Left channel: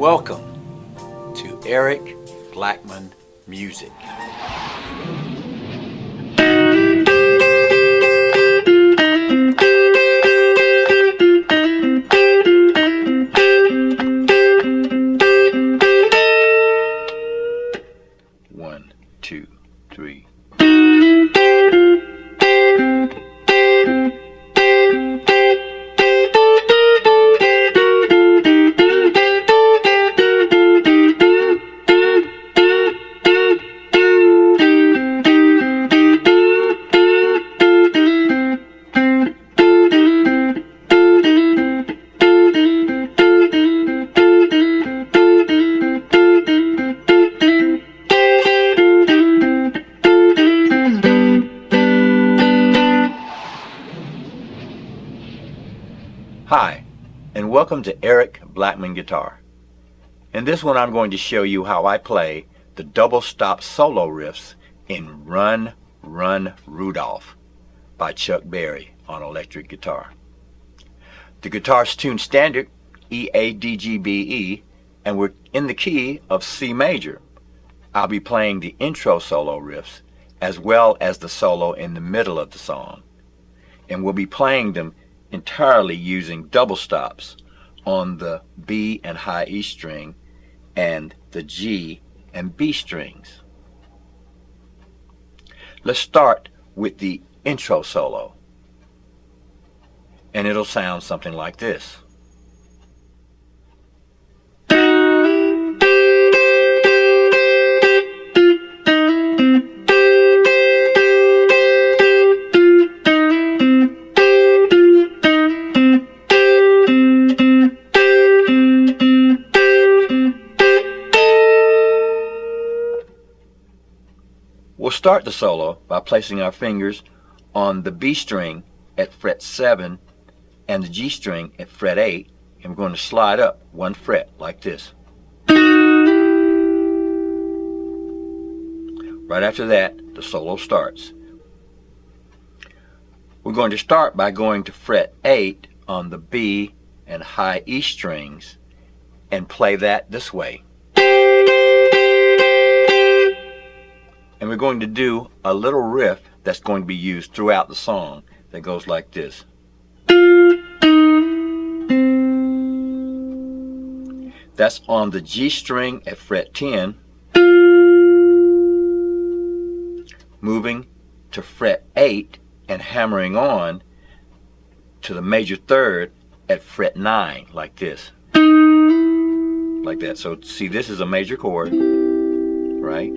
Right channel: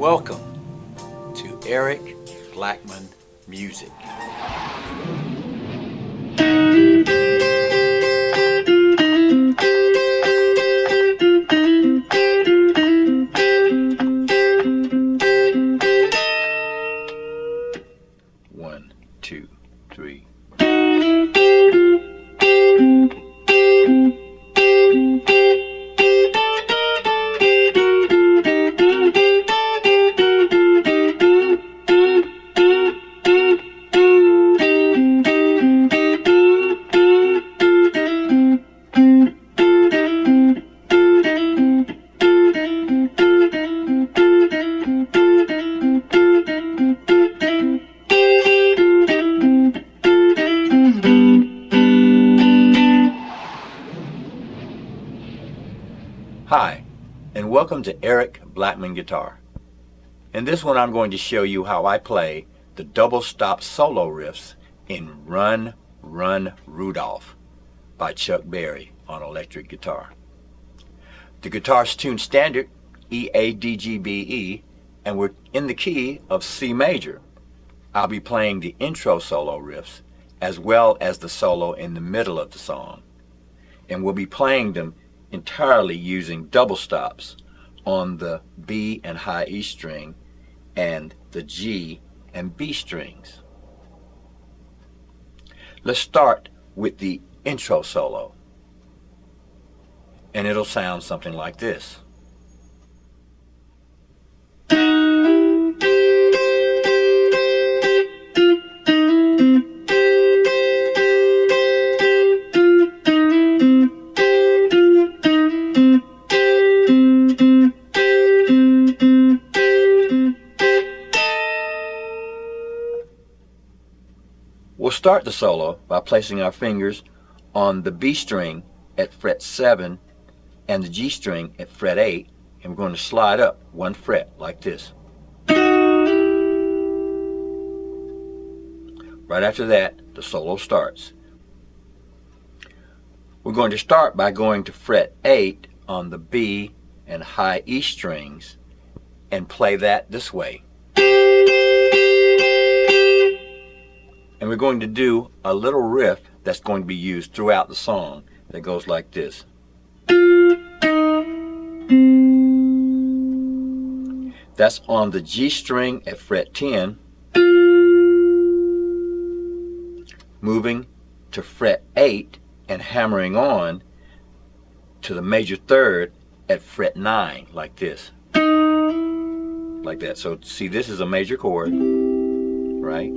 Welcome to Eric Blackmon Music. One, two, three. Hi, and welcome to Eric Blackmon Guitar. In this one I'm going to show you how I play the double stop solo riffs in Run, Run, Rudolph by Chuck Berry on electric guitar. The guitar's tuned standard E-A-D-G-B-E, and we're in the key of C major. I'll be playing the intro solo riffs as well as the solo in the middle of the song, and we'll be playing them entirely using double stops on the B and high E string and the G and B strings. Let's start with the intro solo, and it'll sound something like this. We'll start the solo by placing our fingers on the B string at fret 7 and the G string at fret 8, and we're going to slide up one fret like this. Right after that, the solo starts. We're going to start by going to fret 8 on the B and high E strings and play that this way. And we're going to do a little riff that's going to be used throughout the song that goes like this. That's on the G string at fret 10, moving to fret 8 and hammering on to the major third at fret 9, like this. Like that. So see, this is a major chord, right?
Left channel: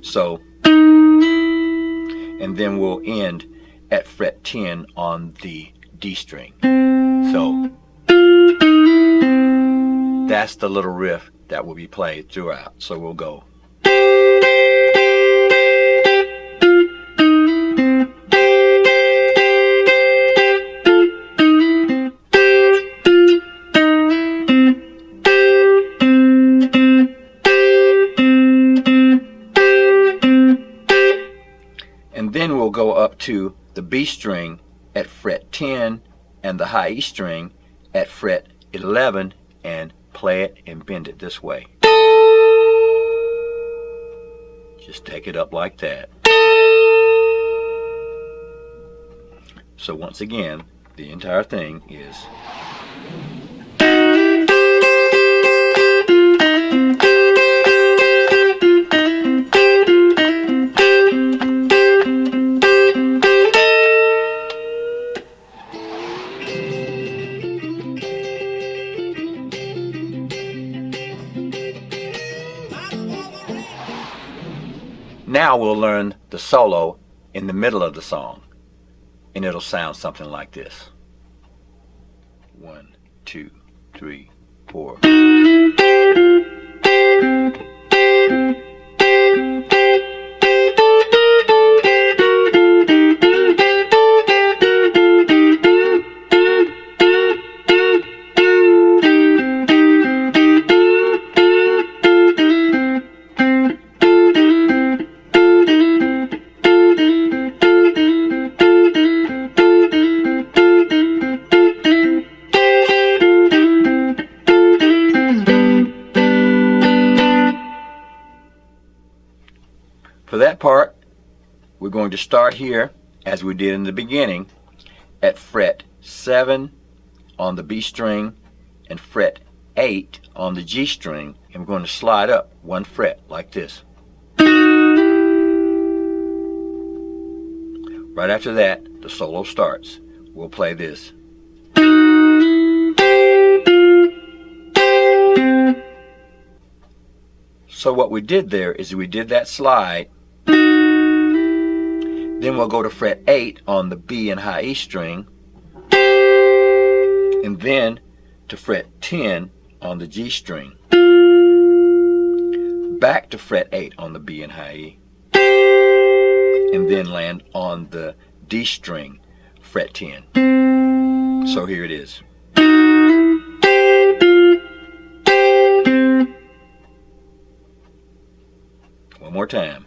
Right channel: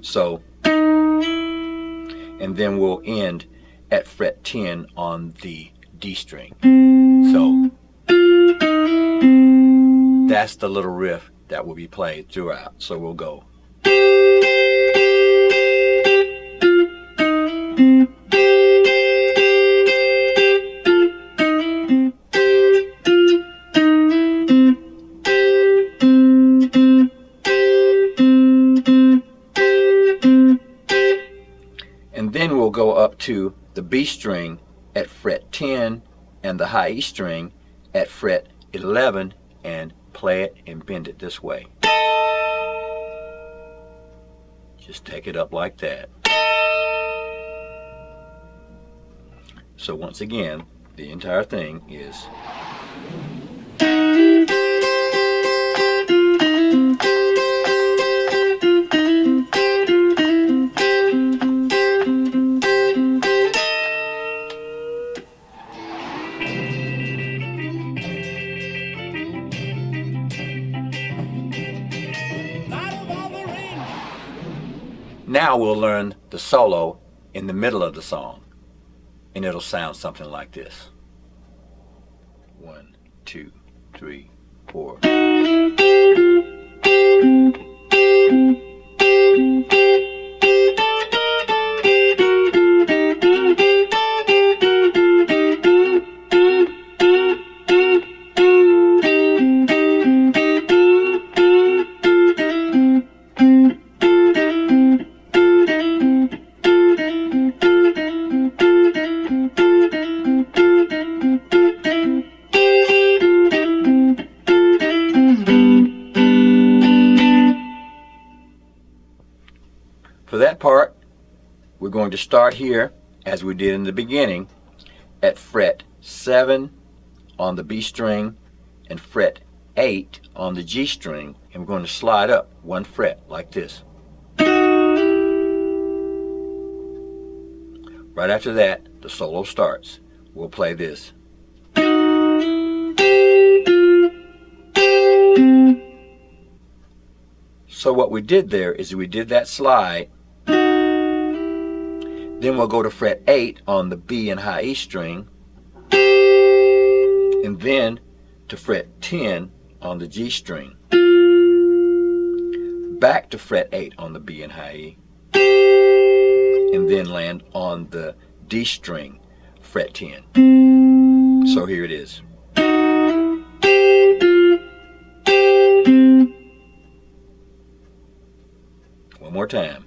So, and then we'll end at fret 10 on the D string. So that's the little riff that will be played throughout. So we'll go. And then we'll go up to the B string at fret 10 and the high E string at fret 11 and play it and bend it this way. Just take it up like that. So once again, the entire thing is Now we'll learn the solo in the middle of the song, and it'll sound something like this. 1, 2, 3, 4. part, we're going to start here, as we did in the beginning, at fret 7 on the B string and fret 8 on the G string, and we're going to slide up 1 fret like this. Right after that, the solo starts. We'll play this. So what we did there is we did that slide, then we'll go to fret 8 on the B and high E string, and then to fret 10 on the G string, back to fret 8 on the B and high E, and then land on the D string, fret 10. So here it is. One more time.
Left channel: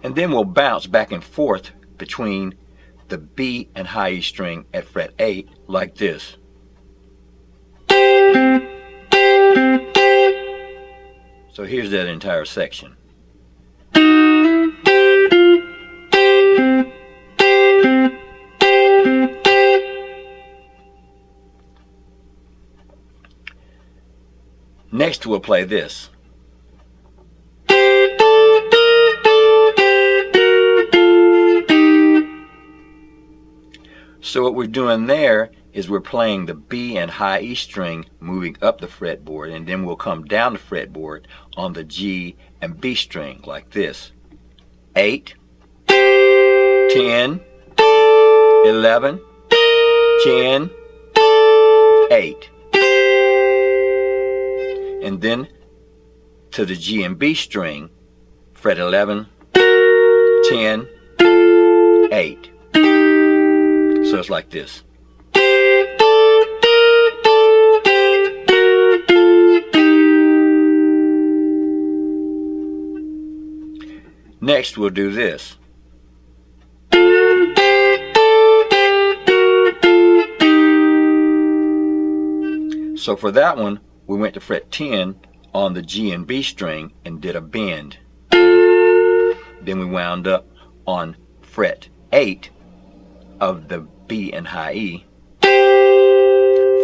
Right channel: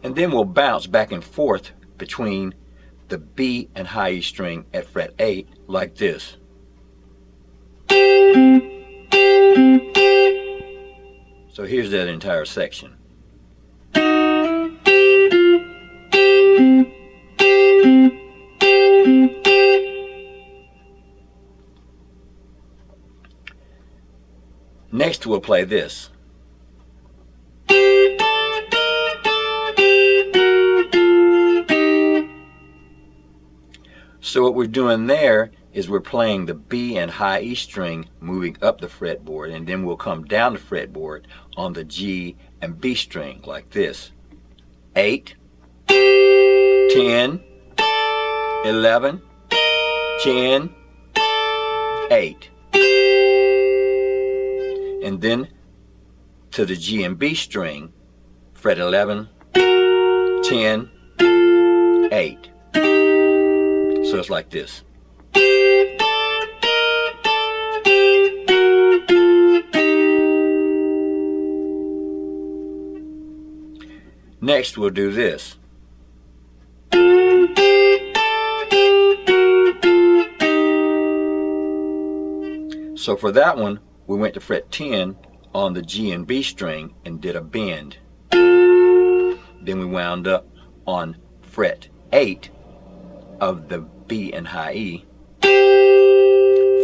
And then we'll bounce back and forth between the B and high E string at fret 8 like this. So here's that entire section. Next we'll play this. So what we're doing there is we're playing the B and high E string moving up the fretboard, and then we'll come down the fretboard on the G and B string like this. 8, 10, 11, 10, 8. And then to the G and B string, fret 11, 10, 8. So it's like this. Next we'll do this. So for that one, we went to fret 10 on the G and B string and did a bend. Then we wound up on fret 8 of the B and high E,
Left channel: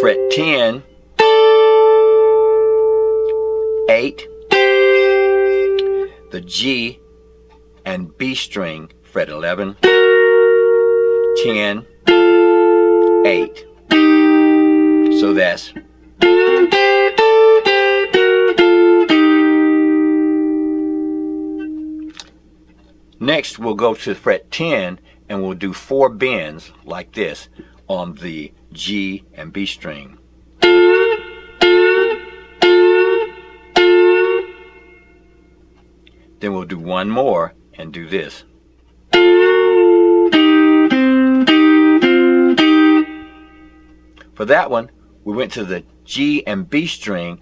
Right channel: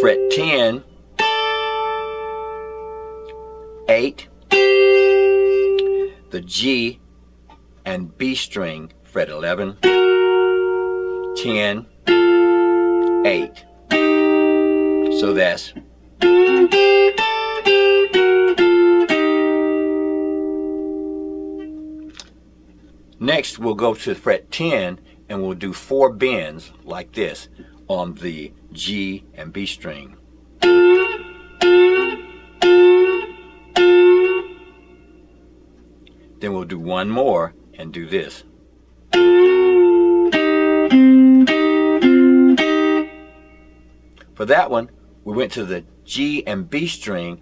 fret 10, 8, the G and B string, fret 11, 10, 8. So that's next we'll go to fret 10 and we'll do 4 bends like this on the G and B string. Then we'll do one more and do this. For that one, we went to the G and B string,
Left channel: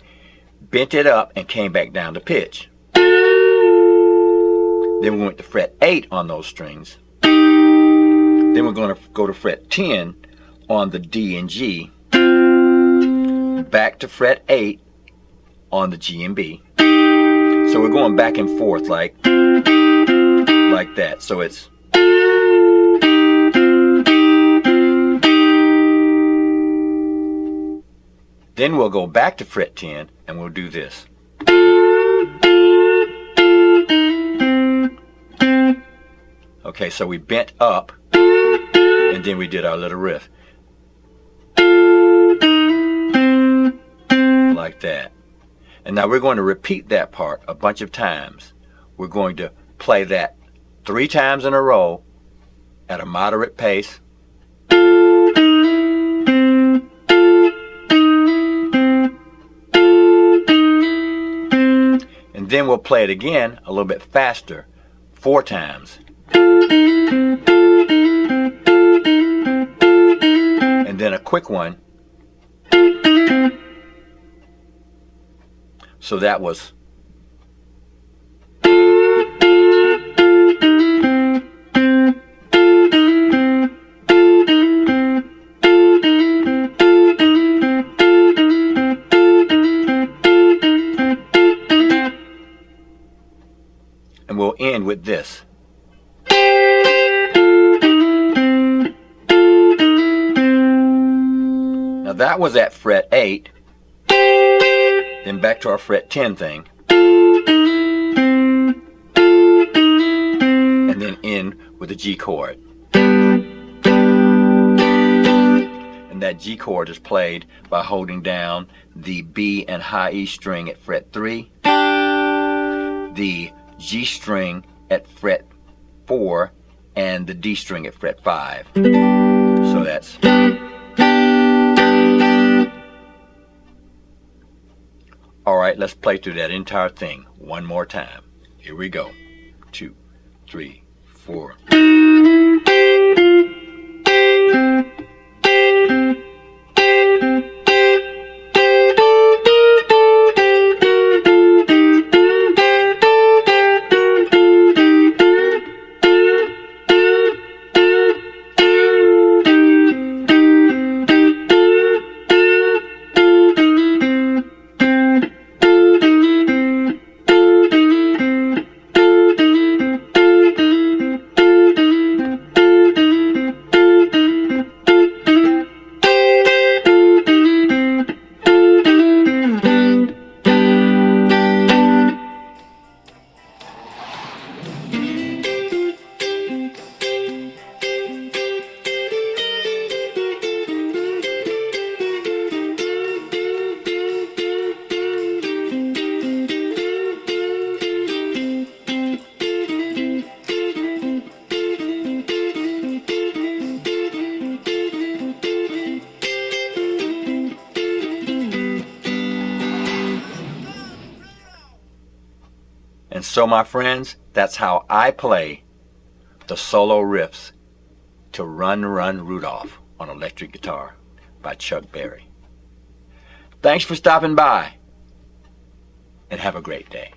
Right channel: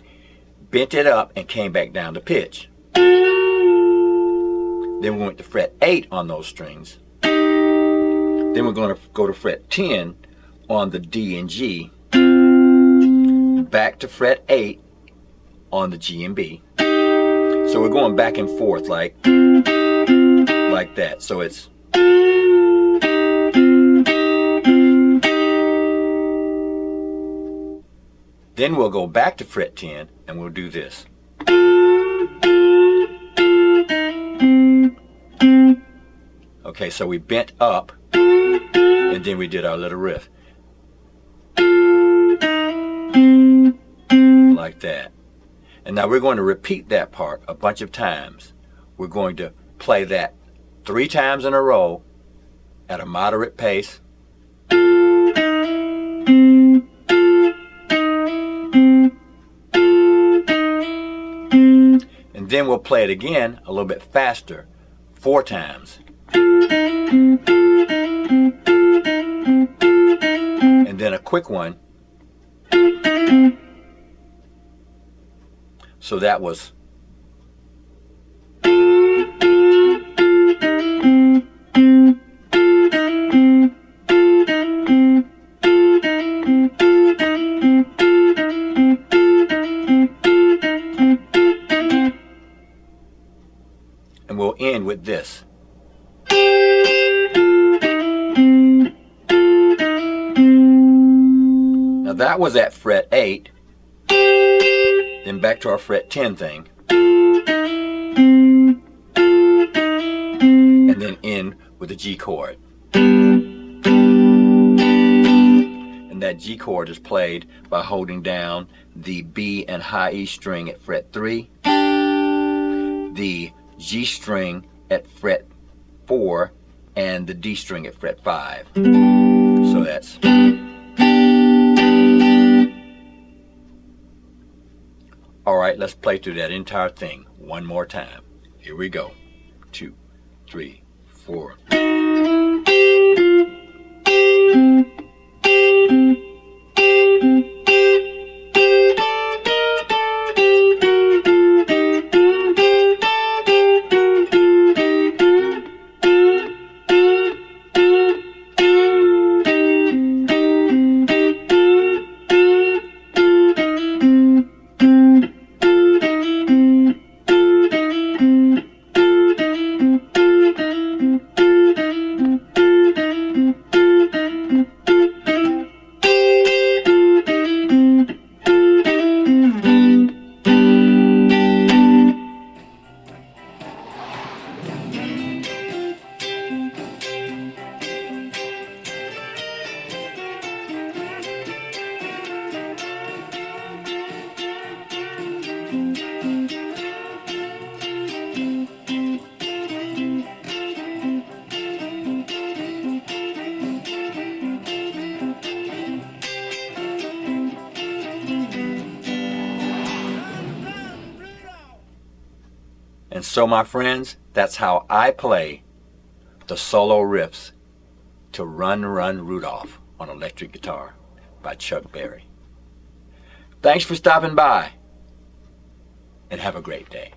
bent it up, and came back down to pitch. Then we went to fret 8 on those strings. Then we're going to go to fret 10 on the D and G, back to fret 8 on the G and B. So we're going back and forth like that. So it's then we'll go back to fret 10 and we'll do this. Okay, so we bent up and then we did our little riff like that. And now we're going to repeat that part a bunch of times. We're going to play that 3 times in a row at a moderate pace. And then we'll play it again a little bit faster, 4 times. And then a quick one. So that was like this. Now that was at fret 8, then back to our fret 10 thing, and then end with a G chord. And that G chord is played by holding down the B and high E string at fret 3, the G string at fret 4, and the D string at fret 5. So that's... Alright, let's play through that entire thing one more time. Here we go. 2, 3, 4. And so, my friends, that's how I play the solo riffs to Run, Run, Rudolph on electric guitar by Chuck Berry. Thanks for stopping by, and have a great day.